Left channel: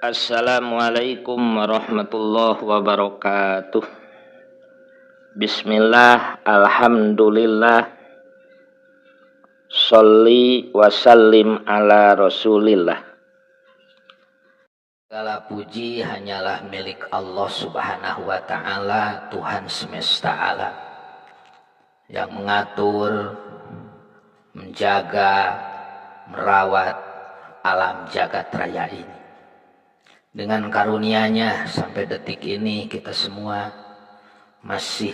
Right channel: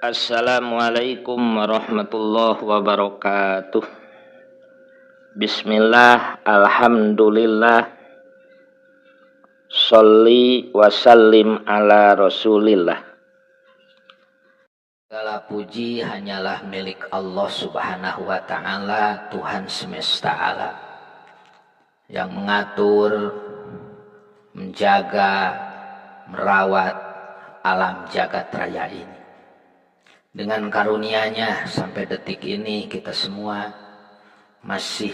Assalamualaikum warahmatullahi wabarakatuh. Bismillah, alhamdulillah, sholli wa sallim ala rasulillah. Segala puji hanyalah milik Allah subhanahu wa ta'ala, Tuhan semesta alam, yang mengatur, menjaga, merawat alam jagat raya ini. Dengan karunia-Nya sampai detik ini kita semua masih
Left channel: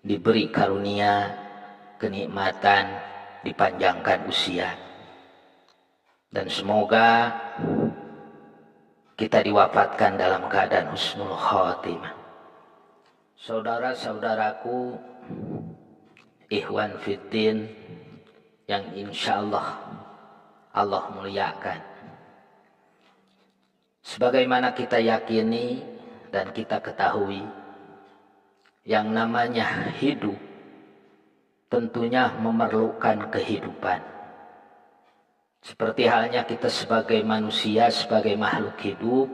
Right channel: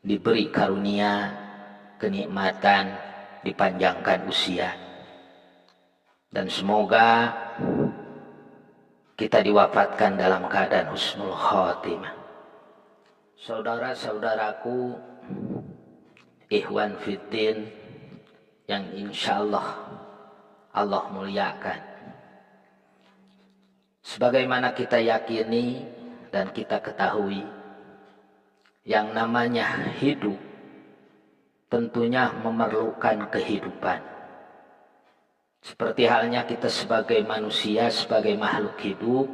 diberi karunia, kenikmatan, dipanjangkan usia. Dan semoga kita diwafatkan dalam keadaan husnul khotimah. Saudara-saudaraku, ikhwan fiddin yang insyaallah Allah muliakan. Sebagaimana kita yakini dan kita ketahui, yang namanya hidup tentunya memerlukan kehidupan. Seperti halnya kita sebagai manusia, sebagai makhluk hidup,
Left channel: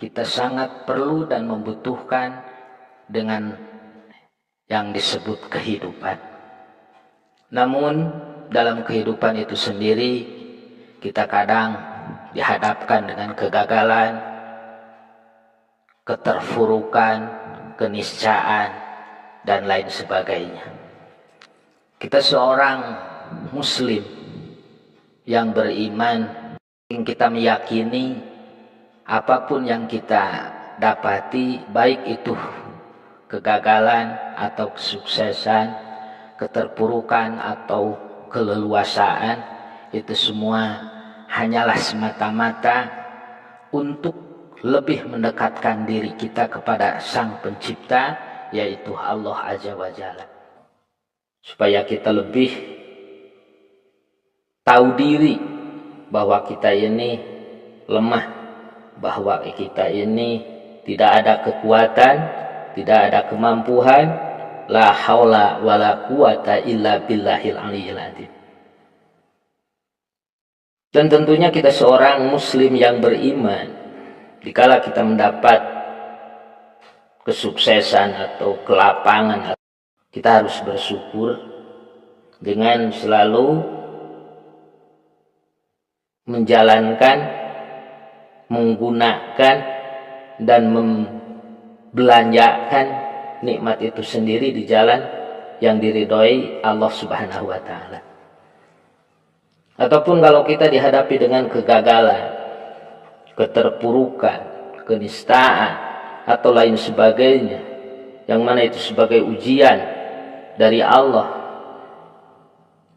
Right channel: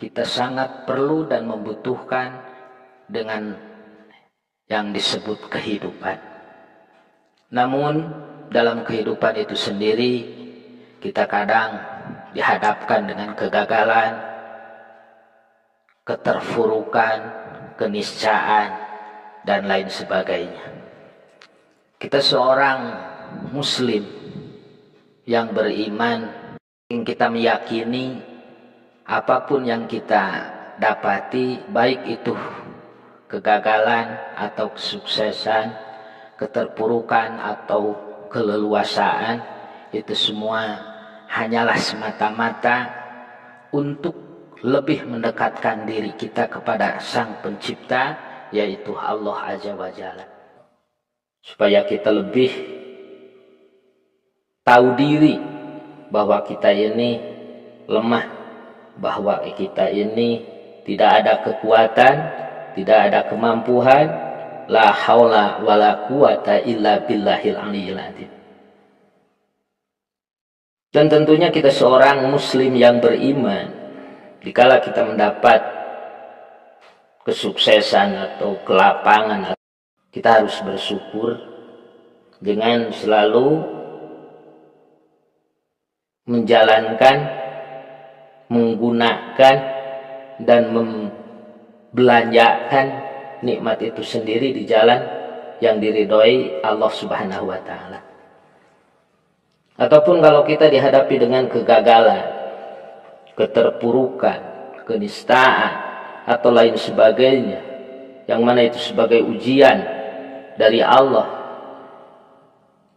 kita sangat perlu dan membutuhkan dengan yang disebut kehidupan. Namun dalam kehidupan itu sendiri kita kadang dihadapkan dengan kegagalan, keterpurukan, keniscayaan, dan lain sebagainya. Kita seorang muslim yang beriman, kita meyakini apapun yang kita dapati, baik itu kegagalan atau kesuksesan, keterpurukan atau keleluasaan, itu semua hanyalah semata-mata untuk lebih mendekatkan diri kita kepada Sang Pencipta, yaitu Allah Azza wa Jalla. Supaya kita lebih tahu diri bahwa kita ini lemah, bahwa kita ini tidak ada kekuatan, tidak ada kemampuan, la haula wala quwata illa billahil aliyyil azim. Dan tentunya kita seorang muslim yang beriman, dikala kita mendapat kesuksesan atau kelapangan, kita harus bersyukur dengan selalu menjalankan, menggunakan, dan membelanjakan nikmat itu sendiri di jalan yang diridhoi Allah Subhanahu wa Ta'ala. Ataupun kalau kita dihadapi dengan kegagalan, keterpurukan, kenistaan, atau lain sebagainya, yang mana itu sebagai ujian dari Allah,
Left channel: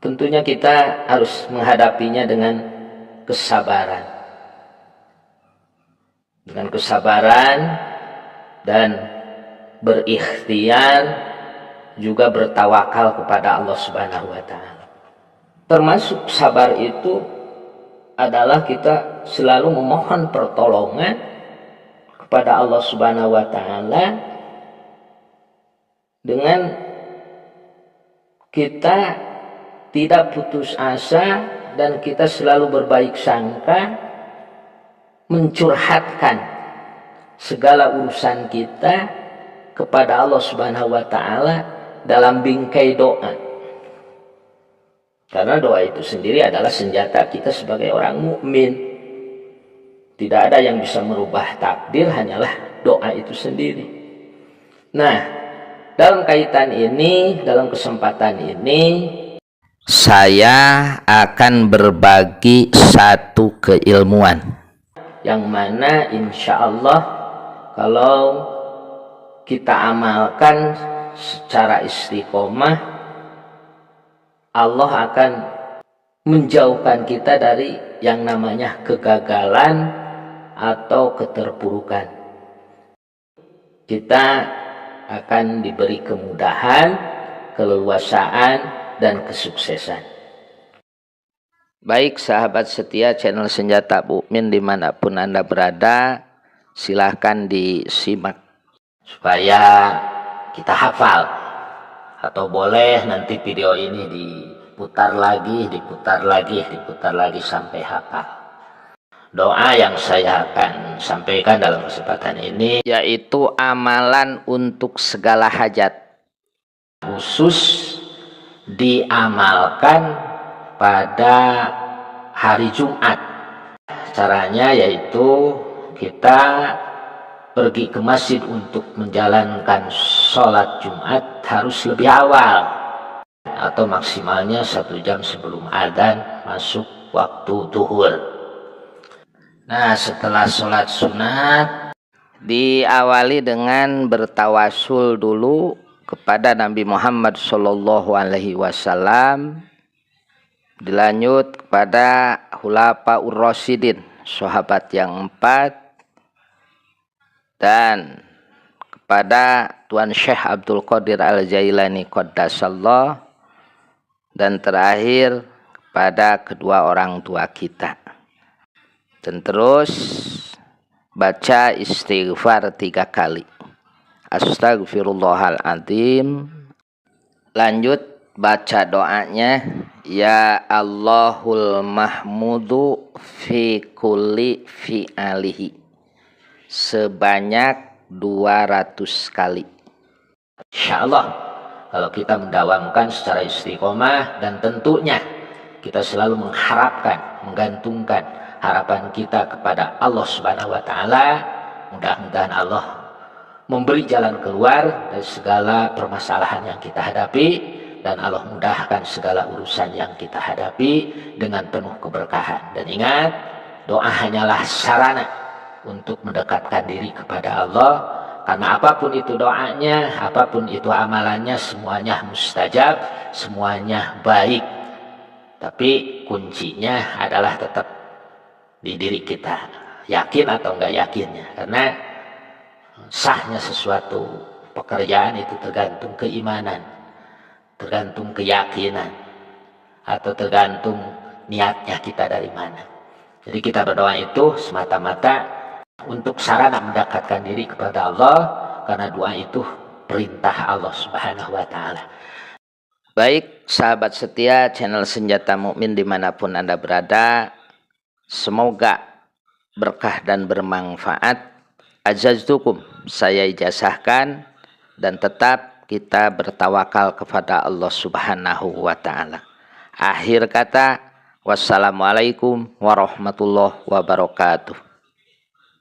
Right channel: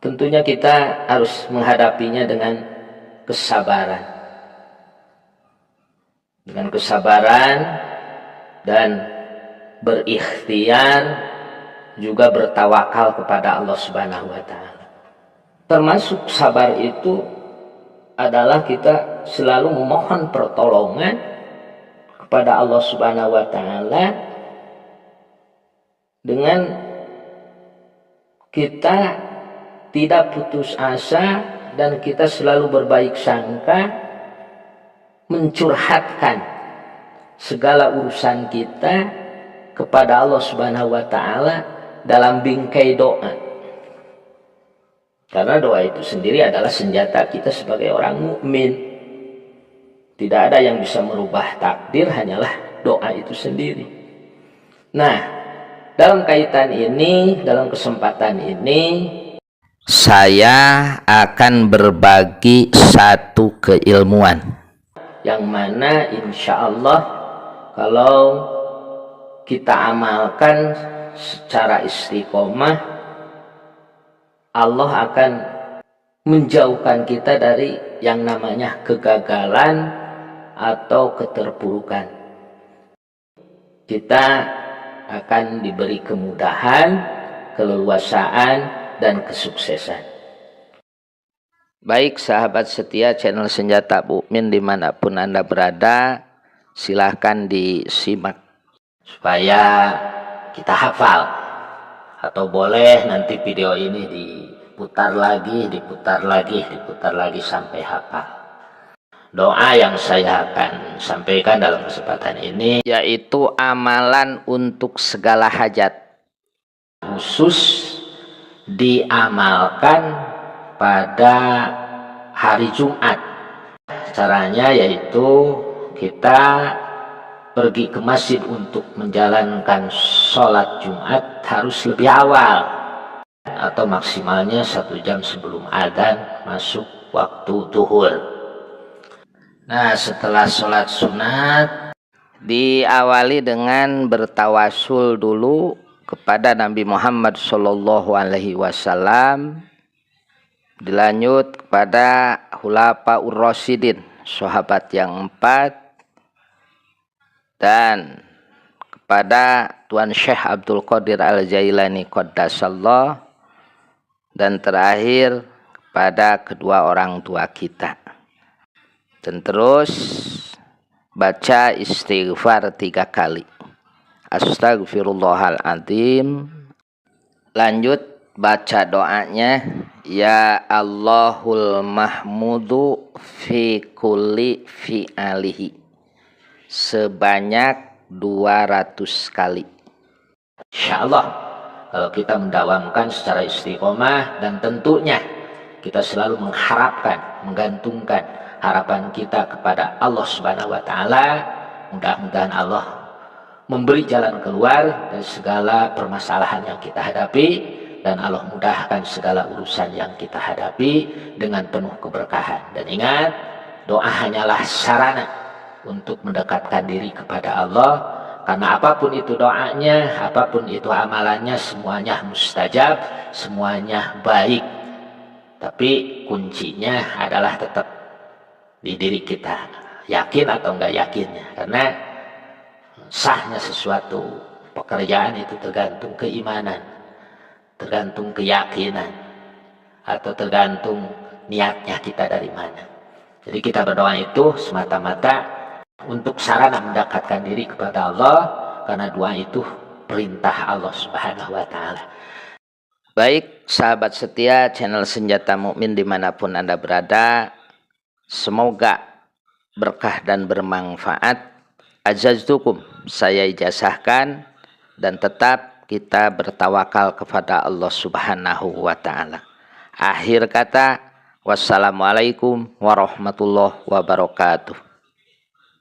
tentunya kita harus menghadapinya dengan kesabaran. Dengan kesabaran dan berikhtiar, juga bertawakal kepada Allah Subhanahu wa Ta'ala. Termasuk sabar itu adalah kita selalu memohon pertolongan kepada Allah Subhanahu wa Ta'ala dengan kita tidak putus asa dan kita selalu berbaik sangka, mencurhatkan segala urusan kita kepada Allah Subhanahu wa Ta'ala dalam bingkai doa. Karena doa itu sendiri adalah senjata kita sebagai orang mukmin. Tidak ada yang bisa merubah takdir, hanyalah doa itu sendiri. Nah, dalam kaitan ini, dalam kesempatan ini, saya akan berbagi satu keilmuan yang mana insya Allah kalau kita amalkan secara istiqomah, Allah akan menjauhkan kita dari yang namanya kegagalan atau keterpurukan. Kita akan diberi kemudahan, keleluasaan, dan kesuksesan. Baik sahabat setia channel Senjata Mukmin dimanapun Anda berada, silahkan disimak supaya kita hafal. Atau boleh nanti video ini diputar lagi sampai hafal. doa yang saya akan sampaikan dalam kesempatan ini, yaitu amalan untuk segala hajat, khusus diamalkan pada hari Jumat. Caranya yaitu kita pergi ke masjid untuk menjalankan sholat Jumat harus lebih awal, atau maksimalnya 1 jam sebelum adzan masuk waktu zuhur. Nah, setelah sholat sunat diawali dengan bertawasul dulu kepada Nabi Muhammad Shallallahu Alaihi Wasallam, dilanjut kepada Khulafaur Rasyidin, sahabat yang 4, dan kepada Tuan Syekh Abdul Qadir Al-Jailani Qaddasallah, dan terakhir kepada kedua orang tua kita. Dan terus baca istighfar 3 kali. Astagfirullahaladzim. Lanjut baca doanya, ya Allahul Mahmudu fi kulli fi'alihi, sebanyak 200 kali. Insyaallah kalau kita mendawamkan secara istiqomah, dan tentunya kita selalu mengharapkan, menggantungkan harapan kita kepada Allah Subhanahu wa taala, mudah-mudahan Allah memberi jalan keluar dari segala permasalahan yang kita hadapi, dan Allah mudahkan segala urusan yang kita hadapi dengan penuh keberkahan. Dan ingat, doa hanyalah sarana untuk mendekatkan diri kepada Allah, karena apapun itu doanya, apapun itu amalannya, semuanya mustajab, semuanya baik. Tapi kuncinya adalah tetap di diri kita, yakin atau enggak yakinnya. Karena sahnya sesuatu pekerjaan itu tergantung keimanan, tergantung keyakinan, atau tergantung niatnya kita dari mana. Jadi kita berdoa itu semata-mata untuk sarana mendekatkan diri kepada Allah, karena doa itu perintah Allah Subhanahu wa taala. Baik sahabat setia channel Senjata Mukmin dimanapun Anda berada, semoga berkah dan bermanfaat. Ajaztukum, saya ijazahkan, dan tetap kita bertawakal kepada Allah Subhanahu wa taala. Akhir kata, wassalamualaikum warahmatullahi wabarakatuh.